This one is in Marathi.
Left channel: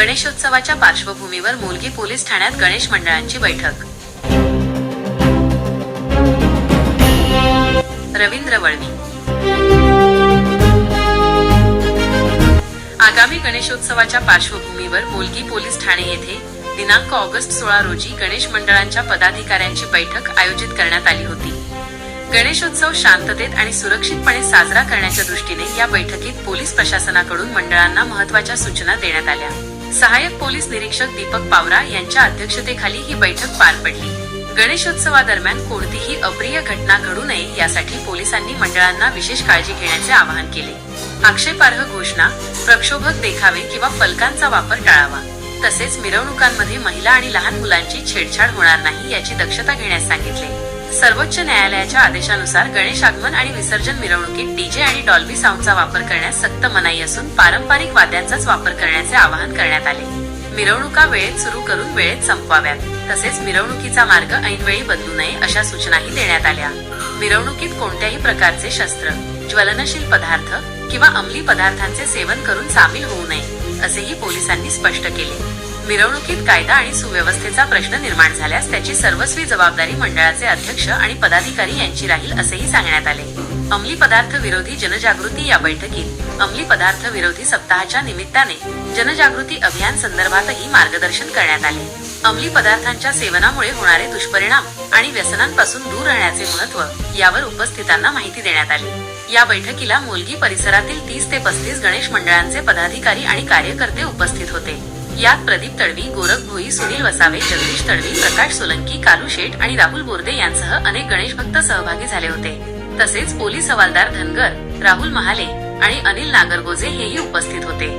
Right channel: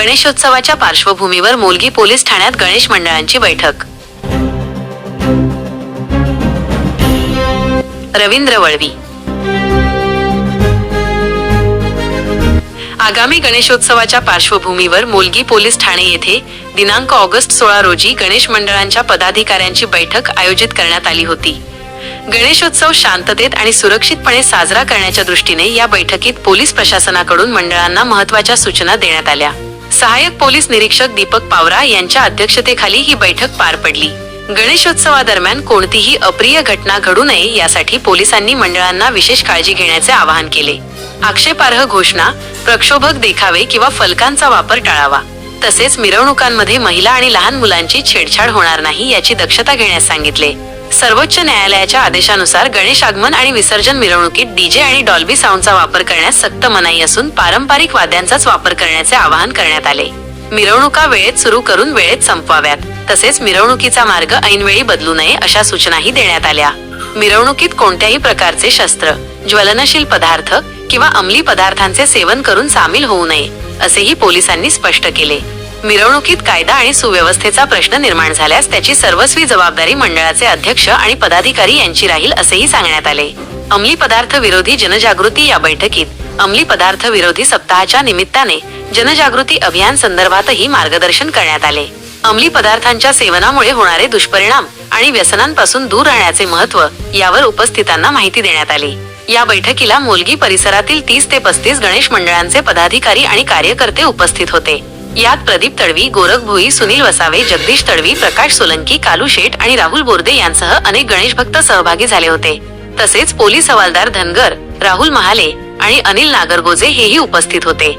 गणेशोत्सवाच्या पार्श्वभूमीवर मोलगी पोलीस ठाण्यात गणेश मंडळांची बैठक. रवींद्र वळवी. आगामी गणेशोत्सवाच्या पार्श्वभूमीवर मोलगी पोलीस ठाणे येथे दिनांक ऑगस्ट सोळा रोजी गणेश मंडळांच्या पदाधिकाऱ्यांची बैठक आयोजित करण्यात आली होती. गणेशोत्सव शांततेत आणि सुरक्षितपणे साजरा करण्याच्या दृष्टीने या बैठकीत पोलीस प्रशासनाकडून मंडळांना महत्त्वाच्या सूचना देण्यात आल्या. सहाय्यक पोलीस निरीक्षक दीपक पावरा यांच्या अध्यक्षतेखाली ही बैठक पार पडली. गणेशोत्सवादरम्यान कोणतीही अप्रिय घटना घडू नये यासाठी पोलिसांनी मंडळांना विशेष काळजी घेण्याचे आवाहन केले. आक्षेपार्ह घोषणा प्रक्षोभक देखावे किंवा फलकांचा वापर टाळावा. तसेच मिरवणुकांमध्ये महिला आणि लहान मुलांची छेडछाड होणार नाही याची दक्षता घेण्यास सांगितले. सर्वोच्च न्यायालयाच्या आदेशानुसार गणेश आगमन आणि विसर्जन मिरवणुकीत डीजे आणि डॉल्बी साऊंडचा वापर करण्यास सक्त मनाई असून पारंपरिक वाद्यांचाच वापर करण्याचे आवाहन करण्यात आले. मिरवणुका वेळेत सुरू करून वेळेत संपवाव्यात. तसेच मिरवणुकीचा मार्ग ऐनवेळी बदलू नये अशा सूचनाही देण्यात आल्या. मिरवणुकीत कोणत्याही प्रकारचे शस्त्र ज्वलनशील पदार्थ किंवा अंमली पदार्थांचे सेवन करून सामील होऊ नये असेही पोलिसांनी स्पष्ट केले. मिरवणुकीत कायदा आणि सुव्यवस्थेचा प्रश्न निर्माण झाल्यास त्याची सर्वस्वी जबाबदारी मंडळाचे अध्यक्ष आणि पदाधिकारी यांची राहील असेही सांगण्यात आले. अंमली पदार्थ विरोधी जनजागृती या बैठकीत अंमली पदार्थ विरोधी सप्ताहाच्या निमित्ताने जनजागृती अभियान संदर्भातही मार्गदर्शन करण्यात आले. अंमली पदार्थांच्या सेवनामुळे होणारे दुष्परिणाम आणि व्यसनांपासून दूर राहण्याचे महत्त्व यावर उपस्थितांना माहिती देण्यात आली. या बैठकीला मोलगी परिसरातील तीस ते पस्तीस गणेश मंडळांचे पदाधिकारी आणि कार्यकर्ते उपस्थित होते. यात प्रदीप तडवी गोरख भोई सुनील वसावे जगदीश तडवी प्रकाश सोलंकी कालू शेठ आणि राहुल बोर्दे यांसह अनेक गणेश भक्त सहभागी झाले होते. तसेच पोलीस हवालदार धनगर राहुल महाले आणि अनिल नागरगोजे हेही उपस्थित होते.